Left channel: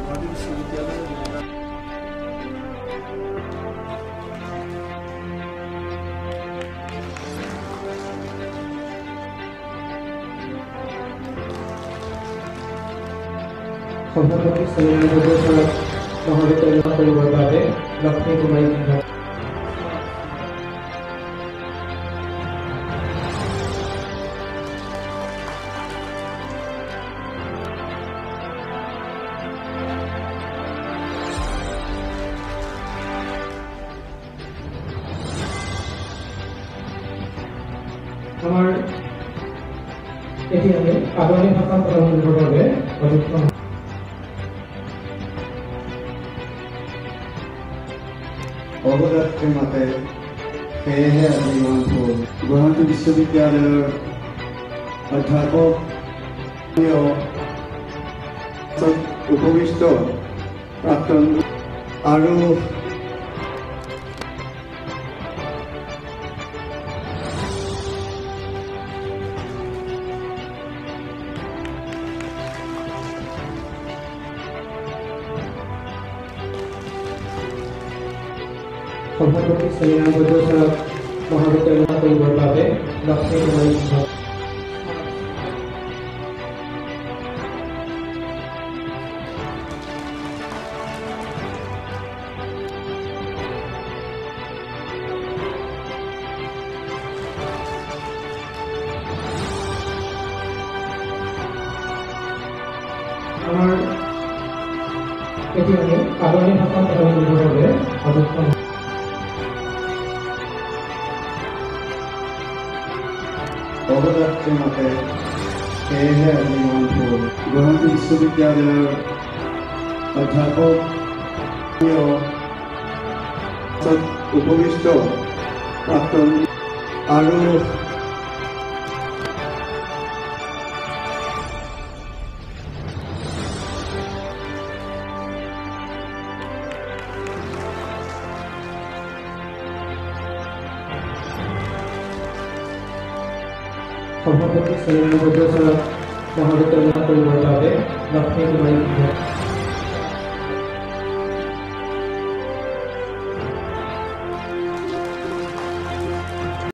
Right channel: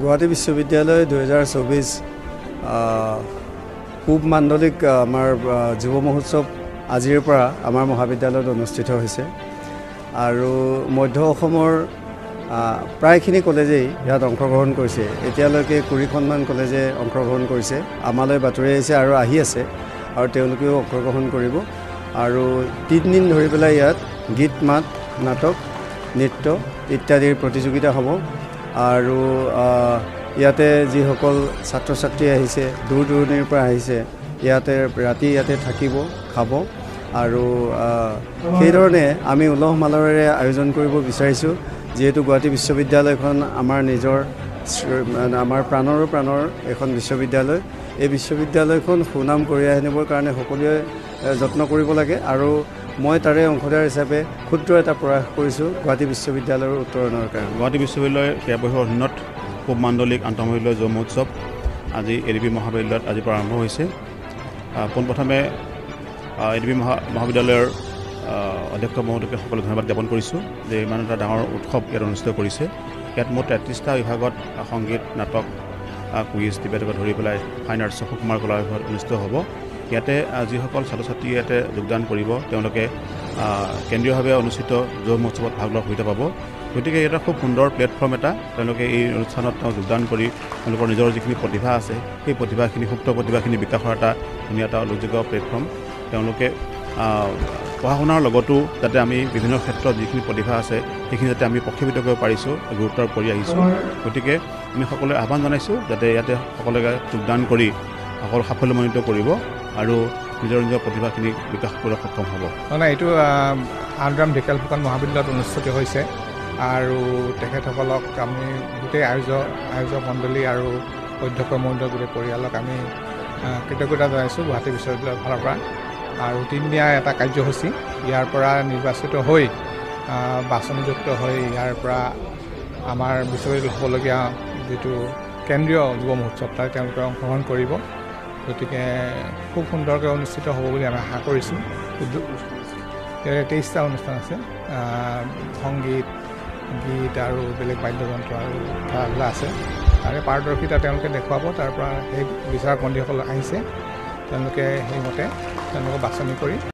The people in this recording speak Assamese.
গুৱাহাটী বিশ্ববিদ্যালয় 2024 পূব মাণ্ডলিক আমাৰ যুৱ মহোৎসৱ আজিৰ পৰা আমাৰ মহাবিদ্যালয়ত অনুষ্ঠিত হৈছে আৰু মধ্য অসমৰ প্ৰায়খিনি কলেজেই ইয়াত অংশগ্ৰহণ কৰিছে। এতিয়ালৈকে 20খনমান কলেজে অংশগ্ৰহণ কৰিছে। আমালৈ বাতৰি আহিছে আৰু আহি আছে আৰু তেওঁলোকেও অংশগ্ৰহণ কৰিব আৰু 3 দিন ধৰি পেলাই ইয়াত গীত মাত নাটক নৃত্য ইত্যাদিৰ প্ৰতিযোগিতা হ'ব আৰু ইয়াতে যিসকল ছাত্ৰ ছাত্ৰী আহিছে দূৰ দূৰণিৰ পৰা আহিছে ইয়াতে ৰাতি ইয়াতে থাকিব খাব আৰু সেইধৰণে আমি উলহ মালহেৰে আয়োজন কৰিব বিচাৰিছোঁ। যিহেতু গুৱাহাটী বিশ্ববিদ্যালয়খন আমাৰ নিজৰ আমাৰ প্ৰাণৰ এখন বিশ্ববিদ্যালয়। এই বিশ্ববিদ্যালয়খন সুনাম কঢ়িয়াই আনিবৰ কাৰণে সকলোৱে যত্ন কৰিব লাগে আৰু মই তাৰে অংশীদাৰ হিচাপে ক্ষুদ্ৰ এটা প্ৰয়াস কৰিছোঁ গুৱাহাটী বিশ্ববিদ্যালয়ৰ উন্নয়নৰ কাৰণে। গুৱাহাটী বিশ্ববিদ্যালয়ৰ কেইবাবছৰ দিনত পূব মাণ্ডলিক আন্তঃমহাবিদ্যালয় যুৱ মহোৎসৱ আজি এডিবি মহাবিদ্যালয়ত আজিৰ পৰা আৰম্ভ হৈছে। পোনপ্ৰথমে এডিবি মহাবিদ্যালয়ৰ অধ্যক্ষ মহোদয়কে সকলো ধন্যবাদ জ্ঞাপন কৰিছোঁ যে ইমান এটা ডাঙৰ উৎসৱ ইয়াত অনুষ্ঠিত কৰিছে। ইয়াত মুঠ 33টা বিভাগত সংগীত নাটক কুইজ ডিবেটকে ধৰি পেলাই ফাইন আৰ্টছ সুকুমাৰ কলা বিভাগত অনুষ্ঠিত হ'ব। ইয়াতে যিসকল ছাত্ৰ ছাত্ৰী ইয়াতে যোগদান কৰিব তেওঁলোকে কেন্দ্ৰীয়ভাৱে অনুষ্ঠিত যুৱ মহোৎসৱত ভাগ লোৱাৰ সুবিধা পাব। গতিকে এটা খুব সুন্দৰ প্লেটফৰ্ম এটা তেওঁলোকে এই অনুষ্ঠানত যোগদান কৰি তেওঁলোকৰ নিজৰ যিখিনি প্ৰতিভা আছে সেই প্ৰতিভাখিনি সুপ্ত প্ৰতিভাখিনি বিকাশৰ এটা ধুনীয়া এটা উল্লেখযোগ্য প্লেটফৰ্ম। তেওঁলোকে পঢ়া শুনাৰ লগতো যাতে আমি বিভিন্ন ক্ষেত্ৰত যিখিনি প্ৰতিভা আছে সেইখিনি যাতে আমি প্ৰক্ষেপিত কৰিব পাৰিছোঁ গুৰুত্ব কৰি আহিছোঁ। গতিকে আমি সকলোৱে আহ্বান জনাইছোঁ যাতে ইয়াতে সকলোৱে যোগদান কৰি সকলো সাফল্যমণ্ডিত কৰিব আৰু নিজৰ প্ৰতিভাখিনি বিকাশ কৰিবলৈ সক্ষম হ'ব। মানে এইটো মহাগ্ৰাম বিকাশ মহাবিদ্যালয়ত অনুষ্ঠিত হৈছে আৰু তেখেতসকলক গোটেই আয়োজক মণ্ডলী আৰু অধ্যক্ষ মণ্ডলীয়ালক আমি কৃতজ্ঞতা জনাইছোঁ। গুৱাহাটী বিশ্ববিদ্যালয়ৰ ফালৰ পৰা 3দিনীয়া এটা কাৰ্যসূচী ইয়াৰ পৰা নিৰ্বাচিত হৈ বাচনযুক্ত হৈ ইয়াৰ পৰা আমাৰ বিশ্ববিদ্যালয়ত দেখিবলগীয়া যিটো কেন্দ্ৰীয় যুৱ মহোৎসৱ তাত তেওঁলোকে অংশগ্ৰহণ কৰিব। গতিকে খুব সুন্দৰকৈ অনুষ্ঠিত হ'ব বুলি আমি আশা কৰিছোঁ। 23টা অনুষ্ঠান আছে আমি পাৰদৰ্শিতা তেওঁলোকে দেখুৱাব। তাৰ পৰা সেই বিচাৰপন্থীসকল আহিছে তেওঁলোকে সেইমতে তেওঁলোকে বাছনি কৰি